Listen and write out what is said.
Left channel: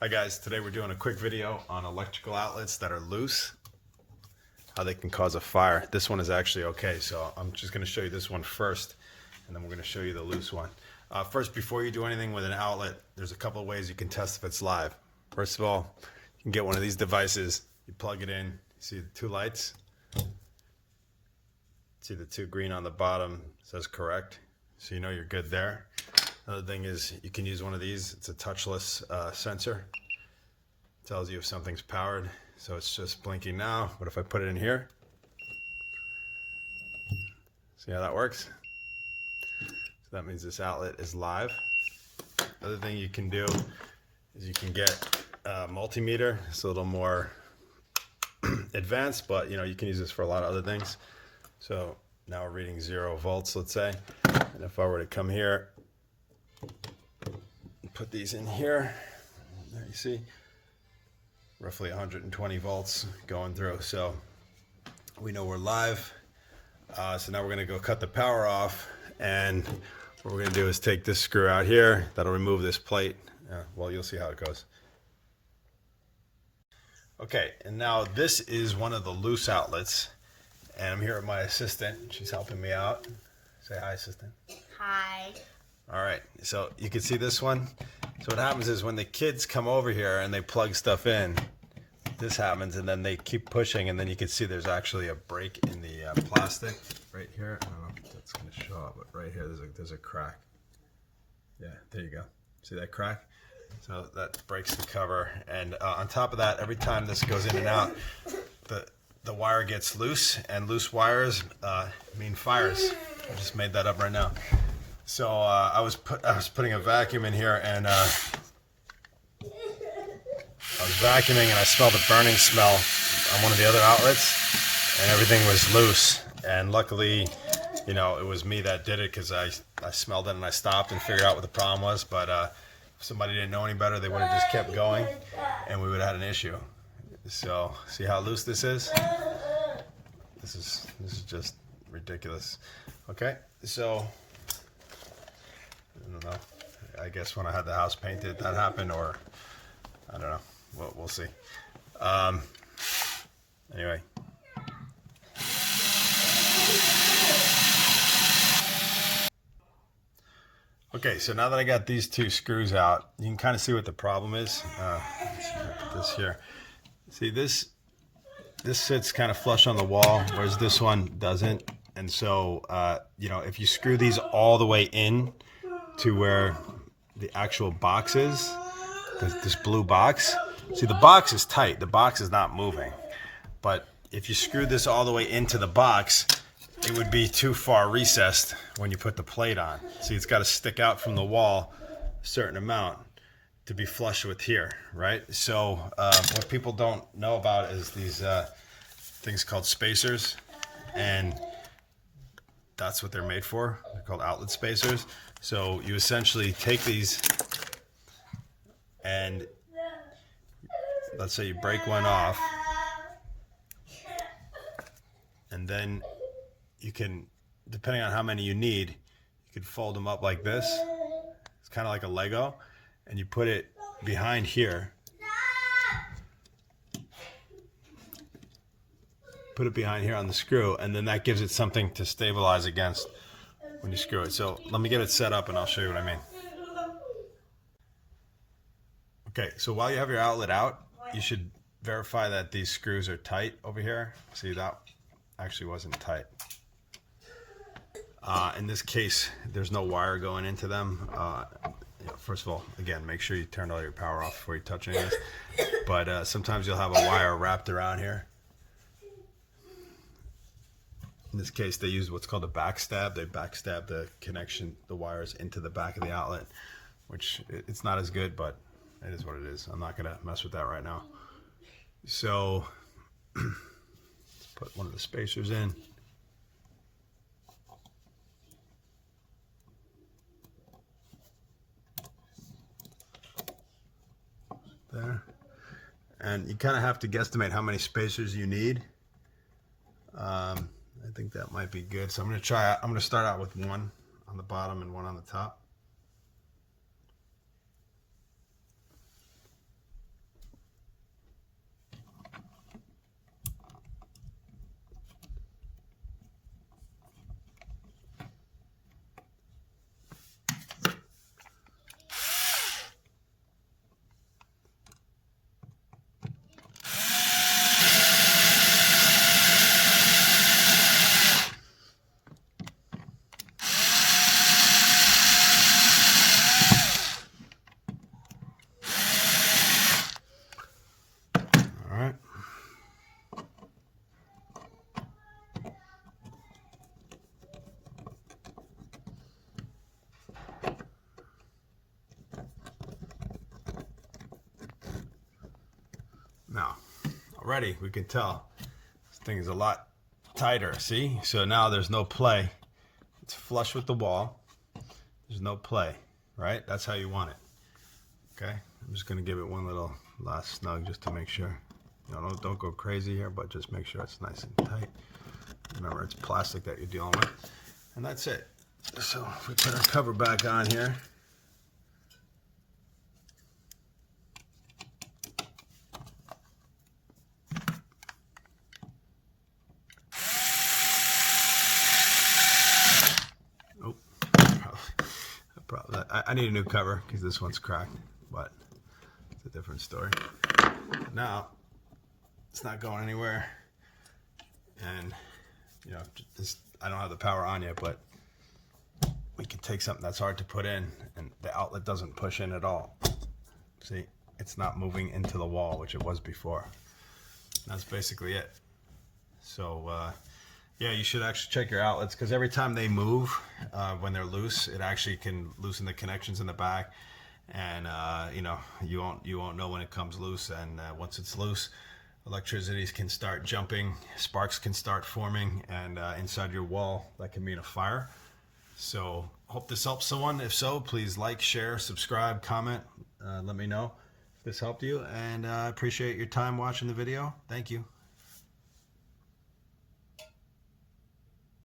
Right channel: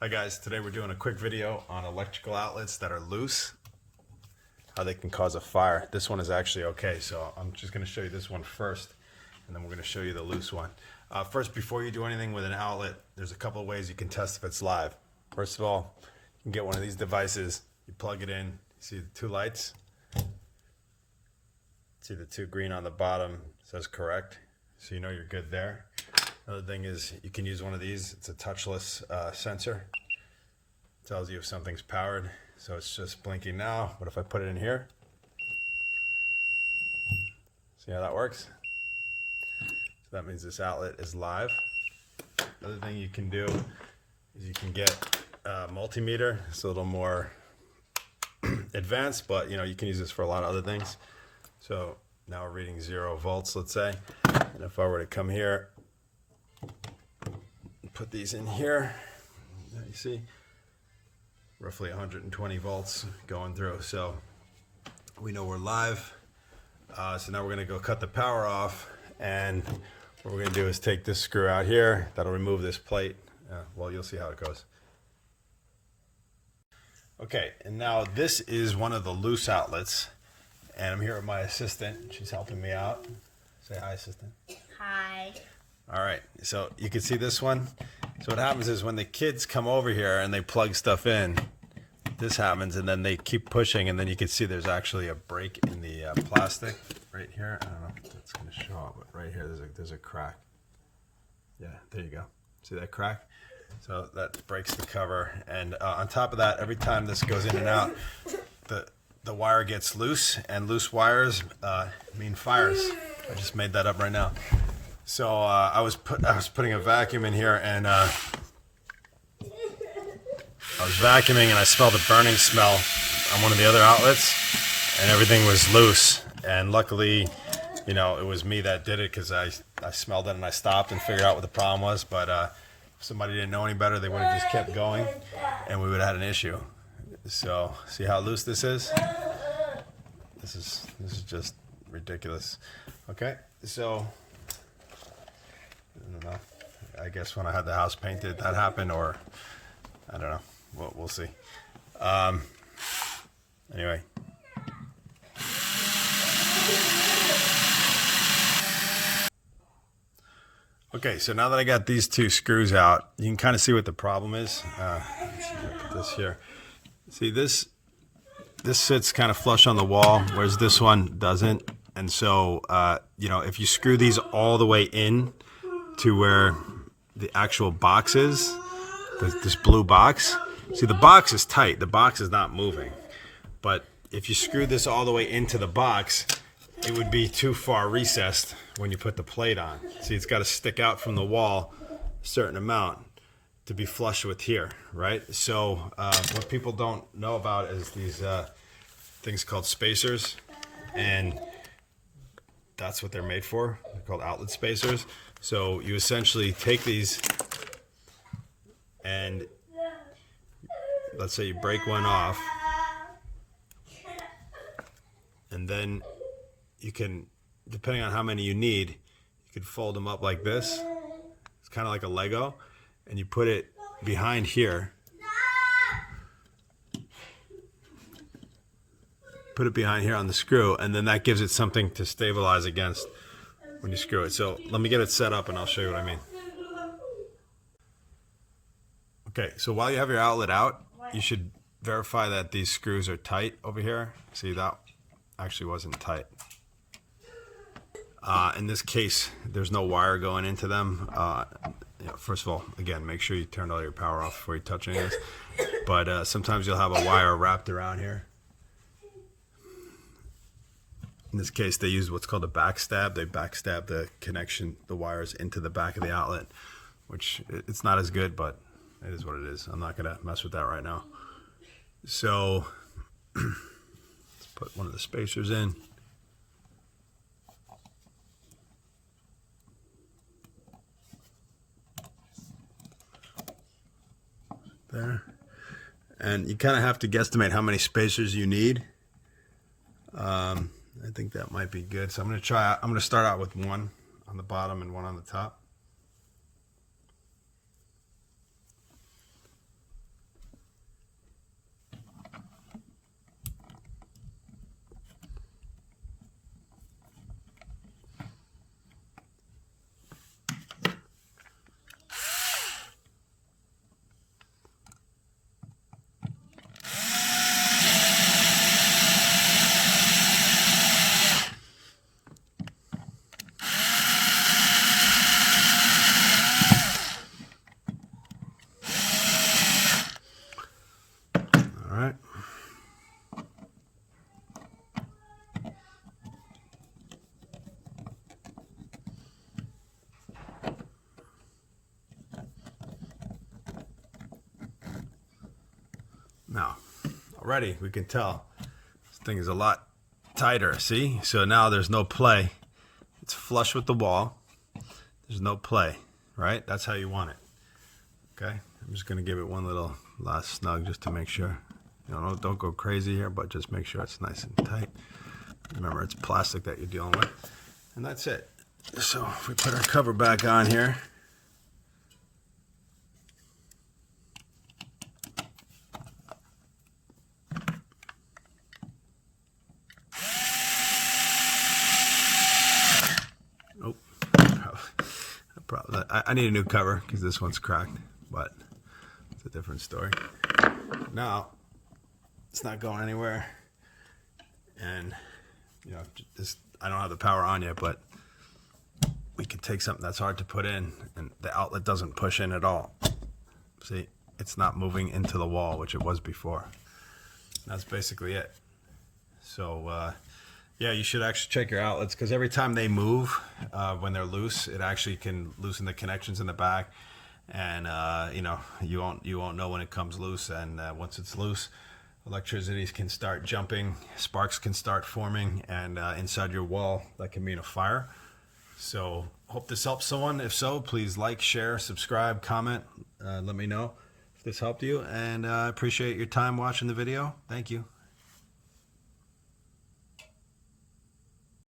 Hi guys, today we're doing a quick video on electrical outlets that are loose, how they can cause a fire. This one is actually okay, so I'm just going to show you this one first, and then we're going to show you the loose one. First, before you do anything with an outlet, there's a couple of ways you can test if it's live. First of all, you can get one of these devices, you plug it in, you see the two lights, see the two green on the bottom, says correct, so you know you're good there. Another thing is you can use one of these. It's a touchless sensor. It tells you if something's powered. So it's just blinking now, but if I put it in here, see how that works? So that means this outlet is live. Other thing you can do is you can get a multimeter. It's a little more advanced, but you can use this for a lot of other things. So now we're reading 0 volts, let's say. And if I were to come here, put these in here, you see roughly 120 volts going through, so we know we're live. So now we're going to go cut the power off, and what we're going to do is take this screw out here. That'll remove this plate. Well, you'll see how it goes. Okay, and now this is one of the loose outlets, and I'm here with my assistant. She's helping me out. Say hi, assistant. Hi. All right, so you can see this one. So what happens is when the kids come over here and they plug stuff in, this happens, and then they keep pushing, and then you can see there's actually a break in the plastic right here. I don't know if that's going to show up, but right here there's a crack. Yeah, there you go. See that crack? So that breaks the cover, and on top of that, every time this goes in and out, the wire gets loose, and loose wires mean fires. I just made that up right now. So I was putting a vacuum in here, and I was vacuuming, and I smelled a burning smell on one of the other outlets, and everything was loose. And luckily, it was me that did it, because I smelled it and I stopped and figured out what the problem was. But if somebody didn't know any better, they would have just kept going, and we would have had an issue. So see how loose this is? This is just ridiculous. Okay, so I don't know. I guess when I had the house painted, that happened, or I don't know. We'll see. Anyway. Okay, so now that I got these two screws out, you can kind of see what the problem is. Let's see if I put this here. See, this sits kind of flush on the wall, whereas this one doesn't. And so, if you screw these all the way in to where the actual box is, this blue box. See, the box is tight. The box is not moving. But if you screw this all the way into the box, it would be too far recessed when you put the plate on. See, it's got to stick out from the wall a certain amount to be flush with here, right? So what people don't know about is these things called spacers, and that's what they're made for. They're called outlet spacers. So you essentially take these, and let's say you break one off, and then you can, depending on how many you need, you can fold them up like this. It's kind of like a Lego, and you put it behind here. Put it behind here on the screw, and then that gives it something to stabilize against when you screw it. So let me get it set up and I'll show you what I mean. Okay, so while you have your outlet out, you should verify that these screws are tight over here. See, that actually wasn't tight. In this case, there's no wire going into them. First of all, again, make sure you turn all your power off before you touch any of this. But sometimes you'll have a wire wrapped around here. In this case, they use what's called a backstab. They backstab the connection, the wires into the back of the outlet, which it's not as good, but it is what it is. I'm not going to mess with that right now. So let's put one of the spacers in. There. And you kind of have to guesstimate how many spacers you need. I think that might be good. So I'm going to start out with one on the bottom and one on the top. Now, already we can tell this thing is a lot tighter, see? So now there's no play. It's flush with the wall. There's no play, right? That's how you want it. Okay, I'm just gonna give it one little last snug just to make sure. You know, don't go crazy here, but just make sure it's nice and tight. Remember, it's plastic that you're dealing with. And that's it. So if we put our cover back on here. Oh, probably. I need a new cover because this one's cracked, but it's a different story. Now, it's not going anywhere. And, you know, I don't have the power on yet, but we can take something that's hard to put in and the outlet doesn't push in at all. See, it's not moving into the wall, which it was before. That's basically it. So, yeah, you should actually check your outlets because every time they move, when they're loose, it actually can loosen the connections in the back. And, you know, you won't know when it comes loose. And once it's loose, electricity can start jumping, sparks can start forming, and inside your wall, that can mean a fire. So hope this helps someone. If so, please like, share, subscribe, comment. Let me know if this helped you. And I appreciate your time watching the video. Thank you.